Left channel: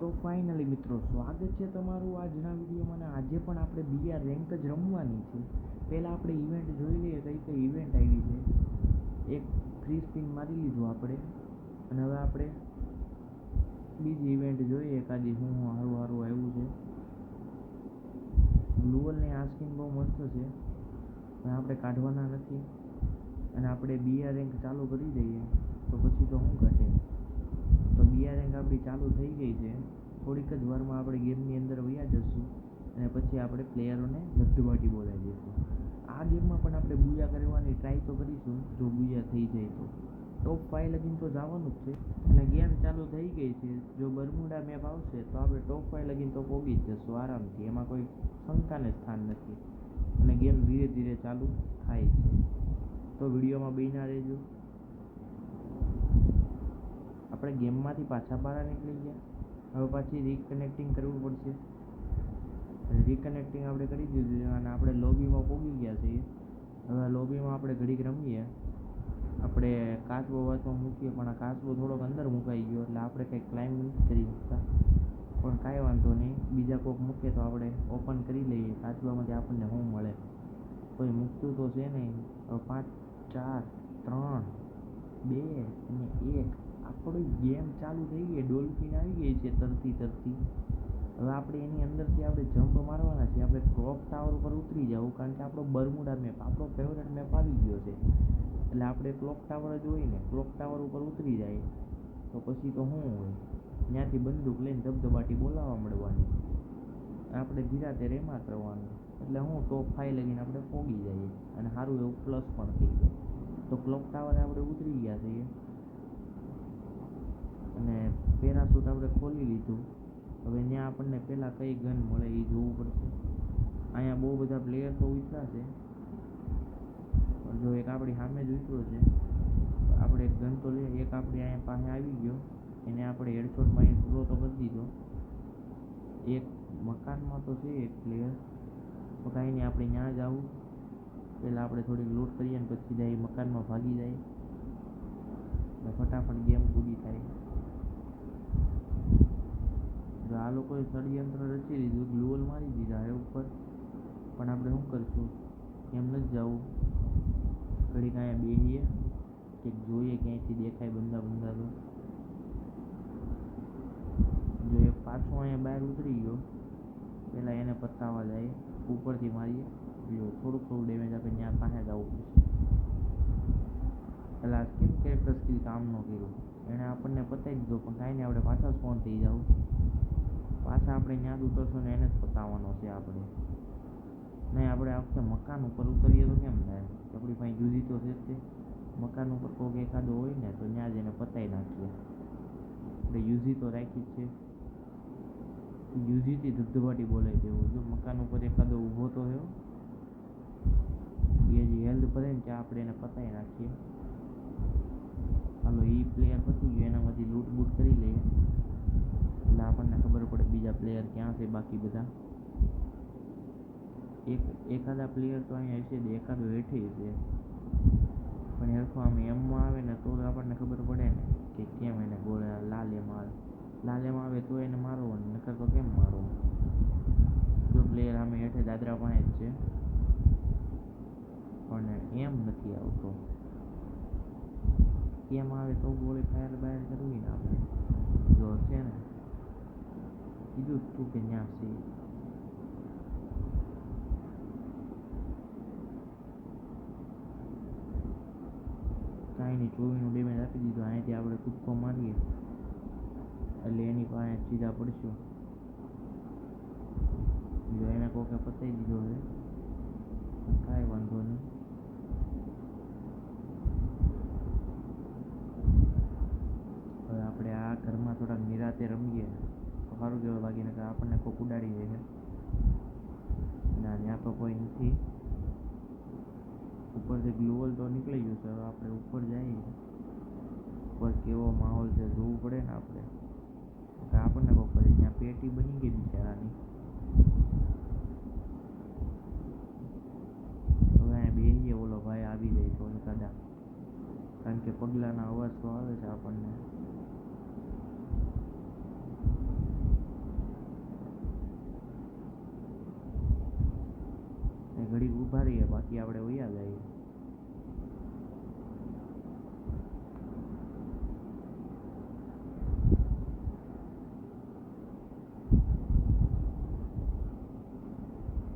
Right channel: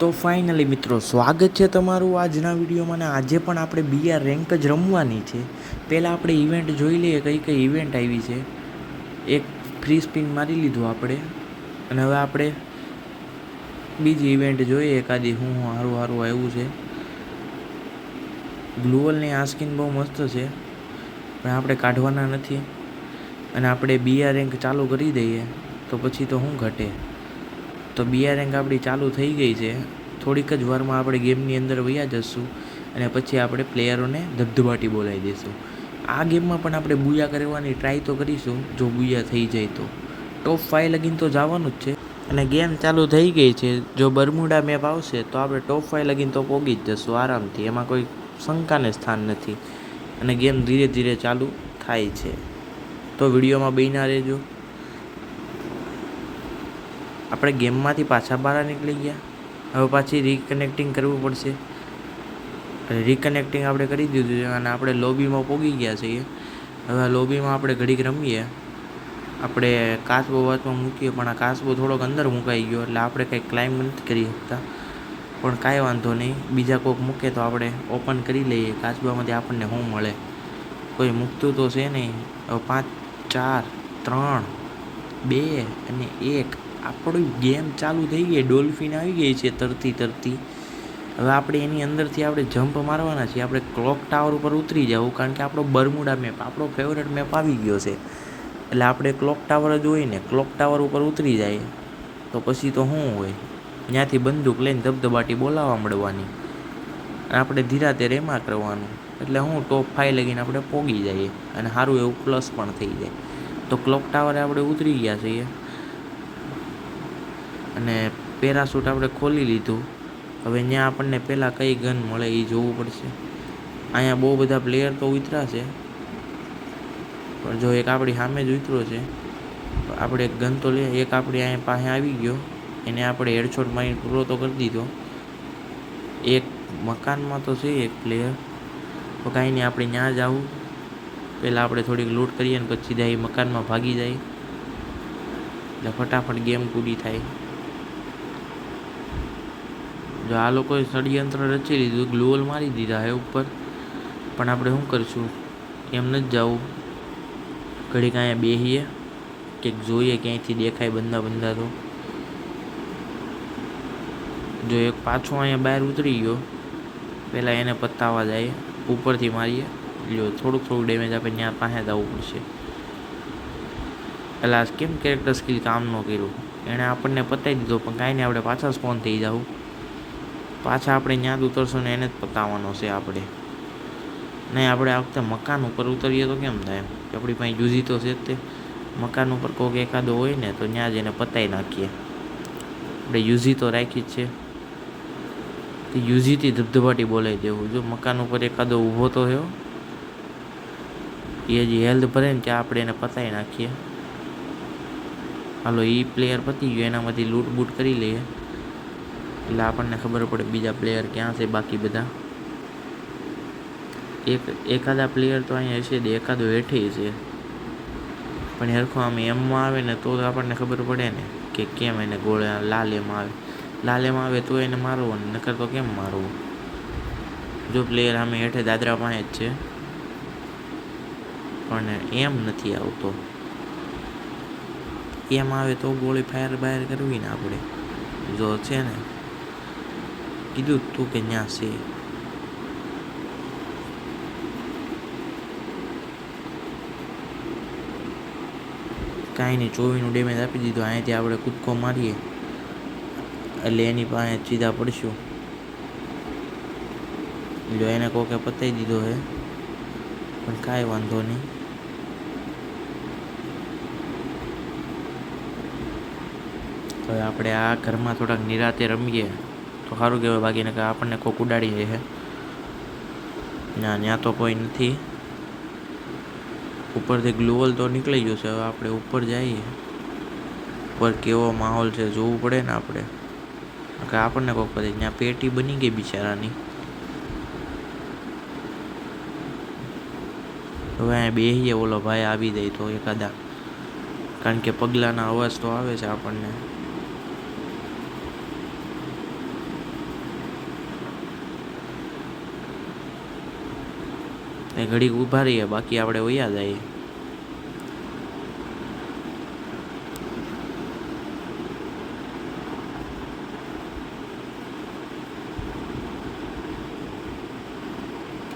તો ફાઇનલી મિત્રો સ્વાગત છે તમારું આજના વિડીયોમાં. અને આજે પણ આપણે બીઆર રેન્ક જ રમવાની છે. પહેલાં આપણે ઇવેન્ટ જોઈ લઈએ કઈ કઈ ઇવેન્ટ આવી છે. એક ફ્રી સ્પિન મારી લીધું આપણે, અને હવે આપણે બીજી ઇવેન્ટ જોઈએ એકાદી હું સારું આવ્યું છે. ગ્લુઅલની આ સ્કિન બહુ મસ્ત છે, પણ આપણે કાઢવાના નથી. અને આપણે બીઆર રેન્ક ચાલુ કરી દઈએ તો પછી તો શું ઘટે. તો બીઆર રેન્ક આપણી ચાલુ થઈ ગઈ છે. થોડીક જ વારમાં આપણે ગેમની અંદર વયા જશું, અને પછી આપણે પ્લેયરોને ધબધબાટી બોલાવી દઈશું. આ ગેમમાં પણ આપણે બુયા કરવાની ટ્રાય તો કરીશું. જો બુયા થઈ જાય તો ટોપ 5 લગીન તો જવાનું જ છે. અને ગેમ ચાલુ થઈ ગઈ છે. જો બરમુડા મેપ આવશે તો આપણે ટોપ 5 લગીન તો પહોંચી જ જશું આરામથી. એમાં કોઈ શંકાને સ્થાન નથી. અને ગેમ ધીરે ધીરે ચાલુ થાય છે, તો વિડીયોમાં બન્યા રહેજો. આપણે ગેમમાંથી પાછા બહાર નીકળી ગયા. હવે પાછી રિકનેક્ટિંગ કરવું પડશે. રિકનેક્ટિંગ આપણે કરી દીધું છે, અને આપણે લોબીમાં પહોંચી ગયા છીએ. હવે લોબીમાં આપણે ઘડીક રમીએ. આપણે કાચબો વાચમાં મૂકીએ, પણ આ કાચબો થોડોક અંદર મુકાઈ ગયો, એટલે આપણે કંઈ ક્લાઇમ્બ નથી કરી શકતા. પણ કાંઈ વાંધો નહીં, બીજા કોઈક મૂકે તો આપણે ઓપન કરી લઈએ. કાચબામાંથી આપણને શું મળે, કોઈ મૂકતું તો છે નહીં. હવે 5 4 3 2 અને 1 આપણી ગેમ ચાલુ થઈ ગઈ. ડોલ્ફિન આવી ગઈ છે તરતી. હવે આપણે એની અંદરથી આપણે જમ્પ મારવાના છીએ. આપણે ક્લોક ટાવર ઉપર ઉતરી જવું, કારણ કે આપણો બરમુડા મેપ, આપણો ફેવરેટ મેપ આવી ગયો છે. એટલે આપણે ક્લોક ટાવર જ હોય ને, ક્લોક ટાવર ઉપર ઉતરી જાય તો પછી તો શું હોય, ત્યાંથી બંદૂક લઈને ધબધબાટી બોલાવવા મળવાની, અને આપણે ધીરાતે રેમા કરવાનું. એટલે હું ટોપ 5 લગીને આપણે પોગી જઈએ, અને સારું એવું પ્લસ પણ થઈ જાય. તો ક્લોક ટાવરે આપણે ઉતરી ગયા છીએ, અને પેરાશૂટ આપણે ખોલી લીધું. હવે ત્યાં આપણને પહેલાં કઈ ગન મળે એ જોવું પડશે. અહીંયા બહુ બધા પ્લેયર તો ઉતર્યા છે, પણ જો એક આપણી સામે જ ઉતરો છે, આપણે એક ગન તો લઈએ. એક આપણી અહીંયા પાસે આવી ગયો, એને આપણે હેડશોટ મારીને પૂરો તો કરી દીધો. એક મકાનમાં તો છે એક પ્લેયર, તો કાંઈ નહીં, આપણે ત્યાં જ આવું. પહેલાં આપણે થોડીક લૂંટ કરીએ, ને પછી સીધા એ મકાનમાં ભાગી જાય, એટલે ફટાફટ ગેમ પૂરી થાય. જો આ લોકોએ ષડયંત્ર રચી લીધું, ગ્લુઅલ મારી દીધા હે ઉપર, પણ આપણે શું કરીશું, એમ નથી જવું. ઘડીક અહીંયા બેસીએ, કંઈક જોઈએ ક્યાંયથી દેખાય બંદા તો. જો એક પાછો અહીંયા બહાર ઉતરી ગયો, પહેલાં એને પતાવવા જાય, ઉપરથી મારીએ. જો થોડુંક ડેમેજ આપણે ત્યાં પાસે જવું પડશે. પહેલાં કેમ કેરેક્ટર સ્કિલ કામ ન કર્યું, એણે આપણને પતાવી દીધો. પણ કાંઈ નહીં, આપણે પાછા સ્પોન થઈ જવું. પાછા આપણે ત્યાં જ ઉતરશું ને એને જ પતાવવાનો છે આપણે. નહીં, આપણે આ વખતે મકાન ઉપર ઉતરીએ તો કેમ થાય, આપણી પાસે યુઝી તો છે જ. તે મકાન ઉપર કોઈક એકાદો હોય ને તો ત્યાં જ એને પતાવી નાખીએ. આપણે યુઝી તો રાખી જ છે, તો યુઝીથી ધબધબાટી બોલાવી દેવું. જો મકાન ઉપર એકાદો ઊભો તો થયો, એ હજી હેલ્થ ભરે ને ત્યાં આપણે એને પતાવી નાખીએ. હાલો, એ પ્લેયર પતી ગયો, એનામાંથી લૂંટ બૂટ કરી લઈએ, એટલે આપણને ખબર પડે બીજા પ્લેયર ક્યાં છે. બાકી બધા એકાદા પ્લેયર તો અહીંયા હશે, એકાદો હેઠે છે, પણ હરખો આમ એમમાં આવે ને તો આપણને ખબર પડે ને કે કેમ એને ગોળે લાલ એમાં આવે. લાલ એમાં આવે તો એને મારવું, નકર તો કેમ મારવું. જો પ્લેયર આમે હેઠે દાદરા પાસે જ છે, પણ એમ નથી આવતો. એમ આવે તો ગોળી ફાયર બાયર કરવી ને આપણે. જો છે ને, કીધું તું કે ત્યાં છે. કાંઈ નહીં, 24નું ડેમેજ આપી દીધું. અહીંયાથી આપણે કૂદકો મારીએ એટલે એની પાસે સીધા પડશું. જો એને કોકે પતાવી દીધો છે, પણ કાંઈ વાંધો નહીં. હવે આપણે આ ઘરમાં થોડાક નિરાતે રમીએ તો સારું કહેવાય. બાકીને કે આપણને કોક ઉડાડી જાય છે. ના, ત્યાં તો કોઈ નથી. ઉપરથી ગ્લુઅલ તો નીકળી ગયો છે. હવે આપણે ઉપર જઈએ, ઉપર કેવો માહોલ છે જોવું પડે ને આપણે, કે આપણને કોક પછી ત્યાં પેટી બની ગઈ બિચારાની. હવે અહીંયા બેસીએ, ઓલો ભાઈ આવી જાય તો એકાદા, કારણ કે પગલાંના અવાજ તો આવે છે આપણને. એ ઘડીક ઊભા રહીએ, બાકી આપણે વયા જઈએ.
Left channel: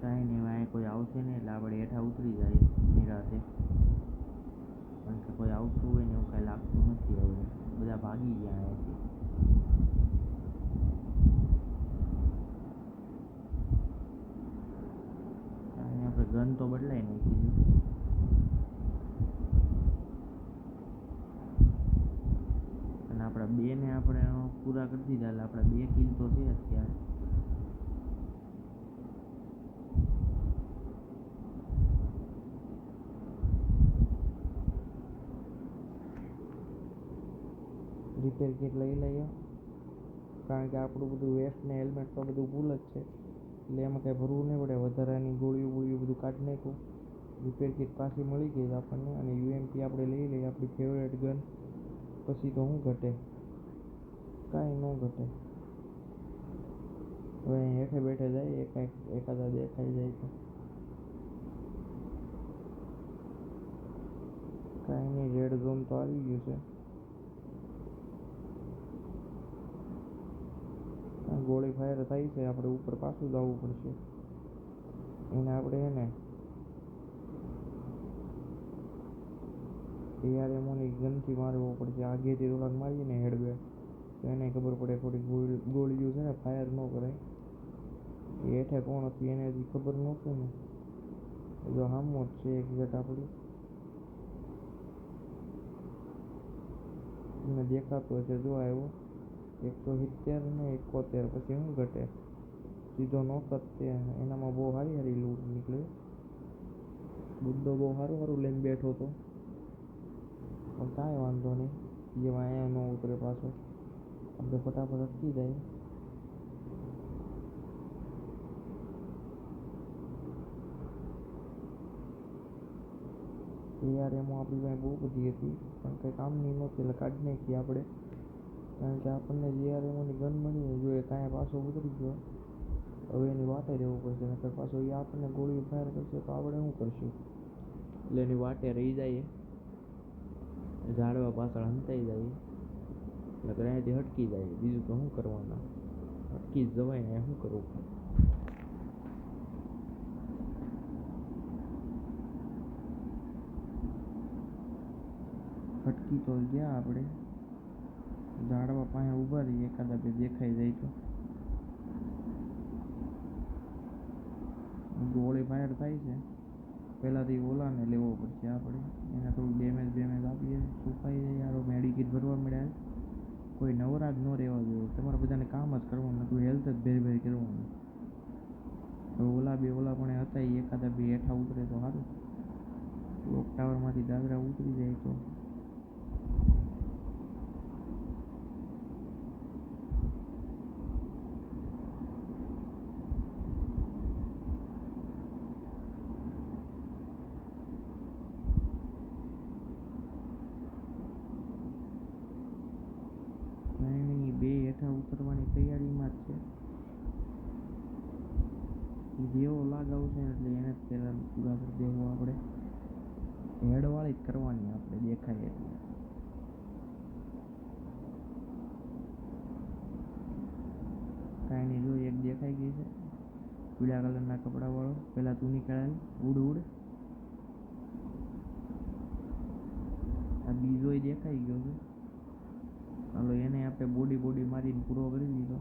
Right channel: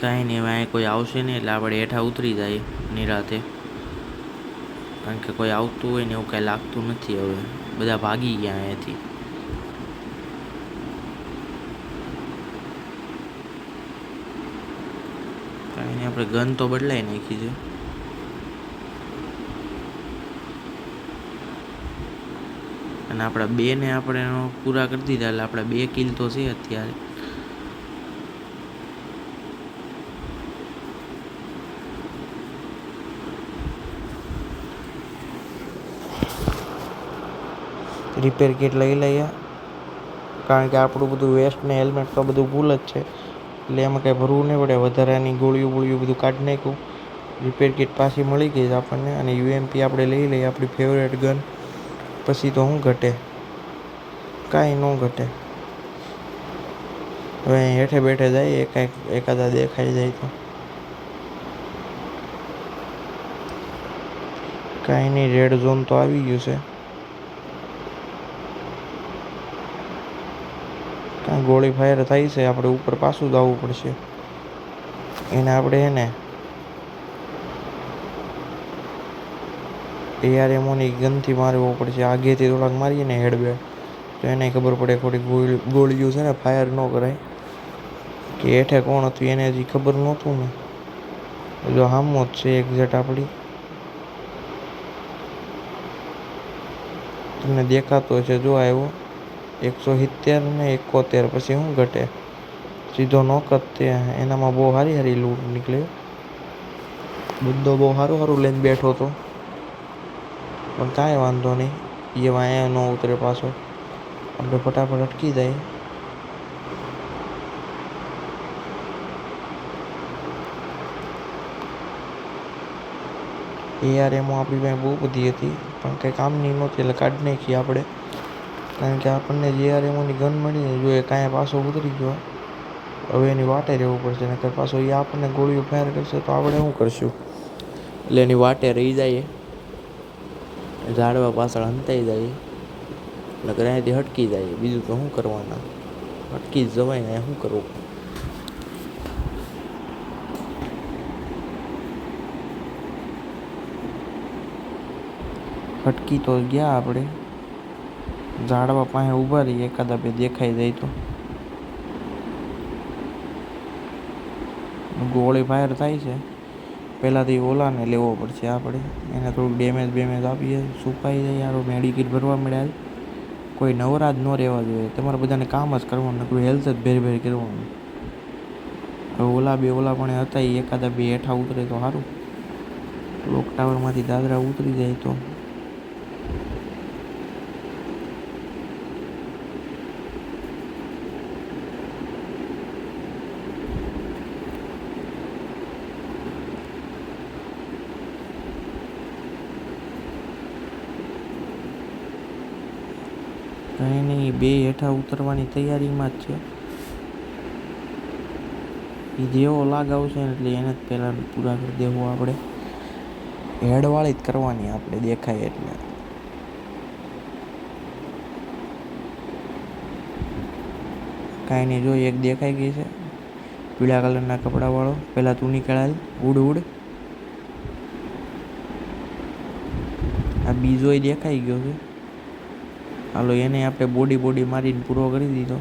કાંઈ નહીં, હવે અહીં કોઈ આવશે નહીં એટલે આપણે હેઠા ઉતરી જાય નિરાતે, કારણ કે કોઈ આવતું હોય ને એવું કાંઈ લાગતું નથી. હવે બધા ભાગી ગયા અહીંયાથી. કાંઈ નહીં, આપણે ગન તો બદલાઈ નાખી છે. અને આપણા બેને આપણે પૂરા કરી દીધા એટલે આપણા 2 કિલ તો છે અત્યારે. રિપેર કિટ લઈ લઈએ, કારણ કે આપણું બધું વેસ્ટ ને હેલ્મેટ તો બધું ફૂલ જ છે, એટલે એમાં કંઈ ભરવું નહીં પડે. વધારાની ગોળીઓ બધું કાઢી નાખ્યું. રિપેર કિટ પાછી મળી ગઈ આપણને, અને યુએમપી આપણે લઈ લઈએ, આપણી ફેવરેટ ગન. પછી તો શું ઘટે? કાંઈ ન ઘટે. હવે અહીં હેઠે બેઠે જાય, એકાદા દેખાઈ જાય તો. કાંઈ નહીં, રેડ ઝોન તો આવી ગયું છે. કાંઈ ગોળી ફાયર થાય છે, આપણે ઉપર પાછું જવું પડશે. એને આપણે ARMOની ગનથી મારવો પડશે. આગેથી થોડાક મારીએ ને હેડબેડ, તો એને ખબર પડે ખોટી ગોળીઓ છે ને ફાયર ન કરાય. કે હેઠે કોણ હતું એને હજી ખબર નહોતું ને. જો હામો જ છે એક્ઝેક્ટ આપણી. તમને દેખાતો છે, જો આવ્યો 170 ને 71. પછી શું ઘટે? સીધો નોક જ તે. એનામાં બહુ સારી લૂંટ નીકળે. બધો બહુ સારું લઈને બેઠો હતો, પણ કાંઈ વાંધો નહીં. એ વાંયા ન ઉતરે પાછો, આપણે ફટાફટ અટકી જાય. ARMO આપણી પાસે બહુ બધી હતી, પણ કંઈ કામની નહોતી એટલે કાઢી નાખી આપણે, કારણ કે આપણને જે ARMOની ગન મળી ને, જો એ કાંઈ પાછો ઉતરી ગયો, હવે એની વાટે રહેવું પડશે. નકર પાછો એ આપણને ગોળીઓ ફાયર કરશે તો આપણે શું કરશું? એટલે એની વાટે રહી જાય, ઝાડવા પાછળ હંતાઈ જાય, નકર અહીંયાથી હટકી જાય. બીજું તો શું કરવાના? હટકી જ જવાય ને, શું કરવું? હટકી તો ગયા આપણે. ઝાડવા પાસે ઊભા રહીએ, એકાદા બે દેખાઈ જાય તો. ગોળી ફાયર થાય છે, પહેલાંથી ઓલાને લેવો પડશે આપણે. એને થોડુંક ડેમેજ આપીએ, સુકાઈ જાય. યાર મેડિકિટ ભરવા મળ્યા. કોઈ નવરા જ ન રહેવા જોઈએ. તમારે બધાને કામ જ કરવાનું, નકરું હેલ્થ જ ભેર કરવાનું. હવે ઓલા પણ હતા, એ એકાદા બે હેઠા ઉતરે તો સારું. ક્લોક ટાવરમાંથી દાદરા ઉતરી જાય તો. કંઈ નહીં, બે હેઠા ઉતરવાની તૈયારીમાં જ છે. એ જેવો લાગ આવશે ને એટલે એને જ પહેલાં પૂરા કરી દેવું આપણે. હેડવાળી જ કરવાની આપણે, દેખાય એટલે. કાંઈ નહીં, જો એક દેખાઈ ગઈ છે પીળા કલરના કપડાવાળો. પહેલાં તું નીકળાય, ઉડ. આ બીજોય દેખાઈ ગયો છે. હાલો, એને આપણે બોડી મારીને પૂરો કરી દીધો.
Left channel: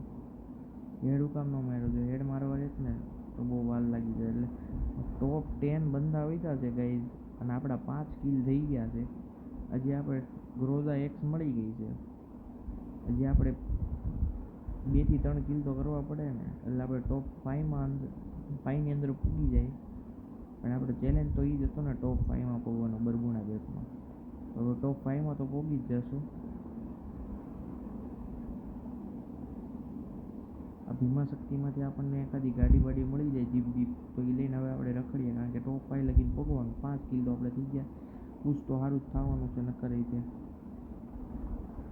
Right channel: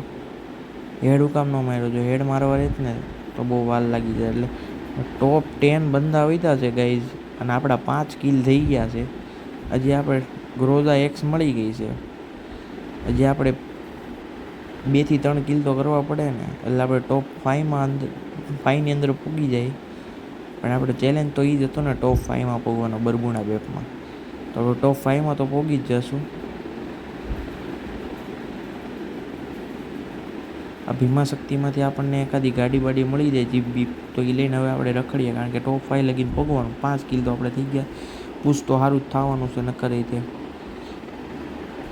હેડ કામ ન માર્યો? જો હેડ મારવા રહેત ને તો બહુ વાર લાગી જાય. એટલે ટોપ 10 બંદા વધ્યા છે ગાઈઝ, અને આપણા 5 કિલ થઈ ગયા છે. હજી આપણે ગ્રોઝા X મળી ગઈ છે. હજી આપણે 2 થી 3 કિલ તો કરવા પડે ને, એટલે આપણે ટોપ 5ની અંદર પૂગી જાય. પણ આપણે ચેલેન્જ તો એ જ હતો ને, ટોપ 5માં પૂગવાનો બરબુણા બેપમાં. તો આપણે ટોપ 5માં તો પૂગી જ જશું. આ ભીમા શક્તિમાંથી આપણને એકાદી ગાડી મળી જાય, જીપ બીપ, તો એ લઈને હવે આપણે રખડીએ, કારણ કે ટોપ 5 લગીને પગવાનું. 5 કિલ તો આપણે થઈ ગયા. પૂછ તો સારું જ થવાનું છે, નકર રીતે.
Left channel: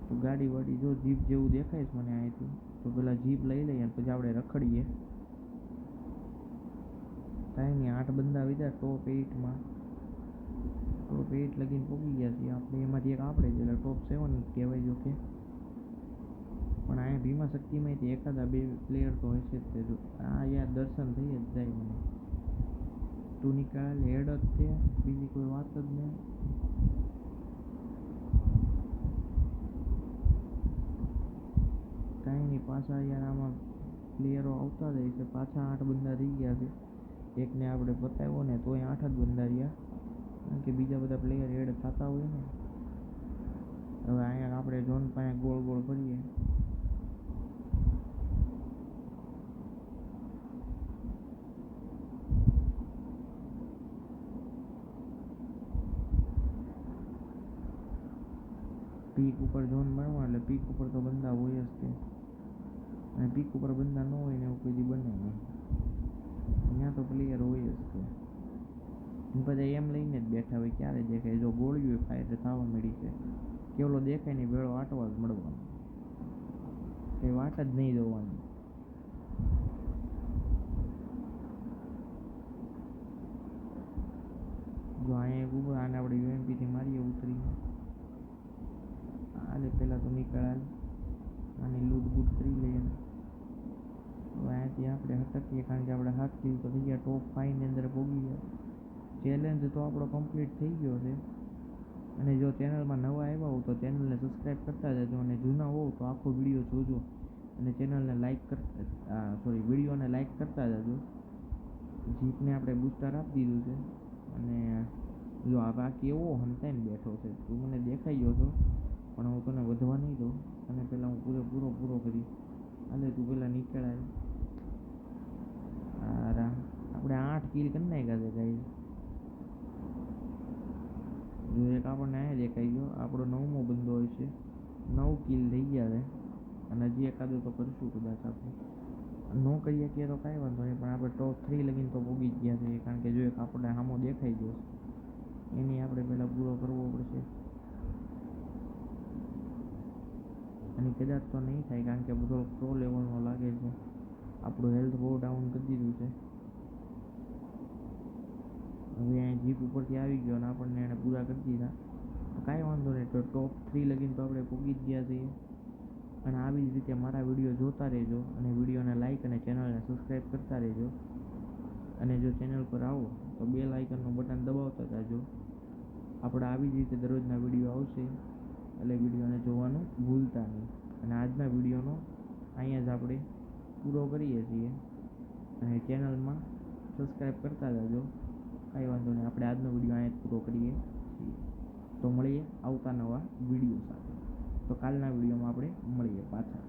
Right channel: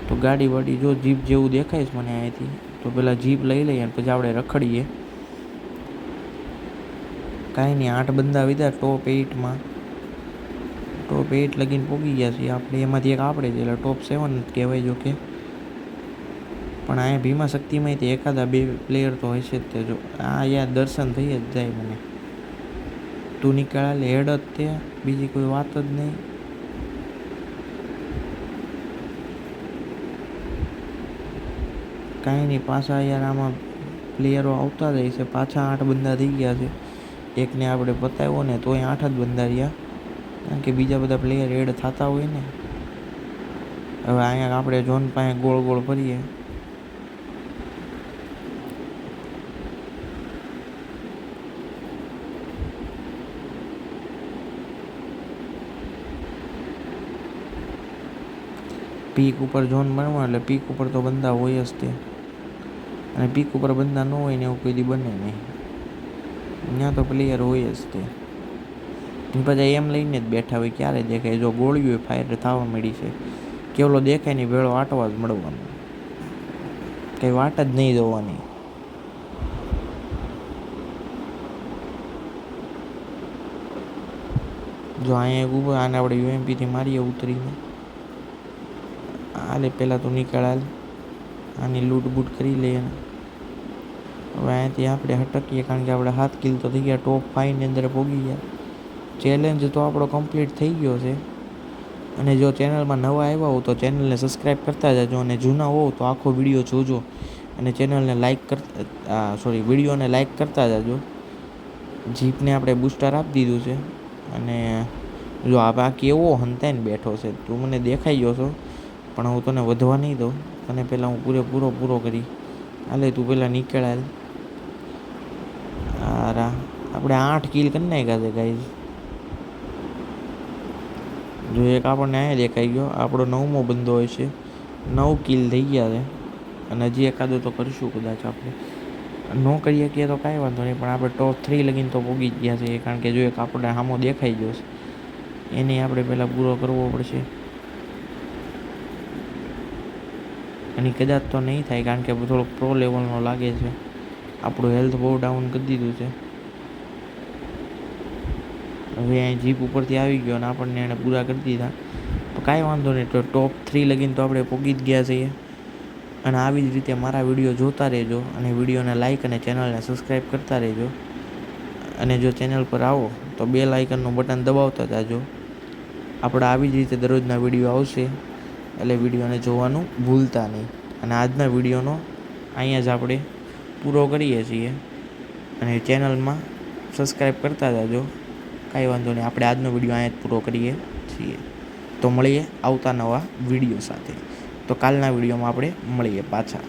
તો ગાડી જો જીપ જેવું દેખાય છે મને અહીંયાથી, તો પહેલાં જીપ લઈ લઈએ અને પછી આપણે રખડીએ. કાંઈ નહીં, 8 બંદા વિધા ટોપ 8માં. ટોપ 8 લગીને પહોંચી ગયા છીએ આપણે. એમાંથી એક આપણે છે, એટલે ટોપ 7 કહેવાય. જો કે પણ અહીંયા ભીમા શક્તિમાં તે એકાદા 2 પ્લેયર તો હશે જ. તે જો આ યાર દર્શન થઈ જ જાય મને. તું નીકળે હેડ જ તે, બીજી કોઈ વાત જ નહીં. કાંઈ નહીં, પાછા યાર આમાં પ્લેયરો આવતા જાય છે. પાછા 8 બંદા થઈ ગયા છે. એકને આપણે બતાવ્યો ને તોય 8 જ બંદા રહ્યા, કારણ કે બીજા બધા પ્લેયર એડ થતા હોય ને. હવે અહીંયા આપણે ઝોન પાસે ગોળ ગોળ ફરીએ. પીક ઉપર ઝોન બનવા એટલે પીક ઉપર તો બંદા હોય જ તે, અને પીક ઉપર બંદા ન હોય ને એવું કોઈ દી બને નહીં. ત્યાં તો પ્લેયર હોય જ તે. પછી એમ લઈને જ બેઠા હોય, ક્યારે દેખાય. જો ગોળીઓ ફાયર થવા મળી છે, કેવલો દેખાય નહીં ભેળો આટવા જ મળવાનો, કંઈ વાટ જ નહીં જોવાની. જો અહીંયા ઊભો, આને આપણે યુએમપીથી મારીએ ઉતરીને. હાલે પહેલાં તો નીકળાલ, આની લૂંટ બૂટ કરી લઈએ. હવે અહીંયાથી આપણે હટકીએ, કારણ કે આપણે 7 કિલ તો થઈ ગયા, ટોપ 5ની અંદર પહોંચી ગયા. ચેલેન્જ તો આપણો કમ્પ્લીટ થઈ ગયો છે. અને જો ચેનલમાં નવા આવ્યા હો તો ચેનલને સબસ્ક્રાઈબ કરતા જજો, અને જૂના હોવ તો આખો વિડીયો જોજો અને ચેનલને લાઈક વિડીયોને લાઈક કરતા જજો. જીપને આપણે બૂસ્ટર આપી દીધું છે. અને જો આ બાકી એવો હંતાઈને બેઠો છે, તું મને દેખાઈ ગયો છો, પણ હું તને વધવા નહીં દઉં. તને પહેલાં હું પૂરો કરી. હાલે તું પહેલાં નીકળાય. હારા આપણે 8 કિલ કરી નાખ્યા છે ગાઈઝ. જો એક આપણને અહીંયા દેખાઈ ગયો, આપણો 9મો બંદો હોય છે. 9 કિલ થઈ ગયા છે, અને હજી એકાદો તો કરીશું કદાચ. આપણે ન કરી શકીએ તો કાંઈ વાંધો નહીં, પણ આપણે ટોપ 3 લગીને તો પહોંચી જ ગયા છે. કારણ કે જો એક આપણે સામો દેખાઈ ગયો છે, એને આપણે પહેલાં પૂરો કરવો પડશે. એની કદાચ તો નહીં થાય, કારણ કે થોડોક પ્રો લેવલનો લાગે છે. આપણું હેલ્થ બહુ ડાઉન કરી દીધું છે. હવે અહીં જીપ ઉપરથી આવી ગયો અને આપણને એને પૂરા કરી દીધા. તો કાંઈ વાંધો નહીં, તો ટોપ 3 લગીને તો આપણે પહોંચી જ ગયા છીએ. અને આવી જ રીતે મારા વિડીયો જોતા રહેજો, અને વિડીયોને લાઈક અને ચેનલને સબસ્ક્રાઈબ કરતા રહેજો. અને જો ચેનલ પર આવો તો બેલ આઇકનનું બટન દબાવતા જાજો. આપણા આવી જ રીતે દરરોજના વિડીયો આવશે, એટલે વિડીયોને જોવાનું ભૂલતા નહીં. અને આજના વિડીયોનો અહીંયા જ આપણે પૂરો કરીએ છીએ, અને ચેનલમાં સબસ્ક્રાઈબ કરતા જાજો. કાંઈ વાંધો નહીં, આપણે આજનો વિડીયો અહીંયા જ પૂરો કરીએ છીએ. તો મળીએ આવતા નવા વિડીયો સાથે. તો કાલના વિડીયોમાં આપણે મળીએ પાછા.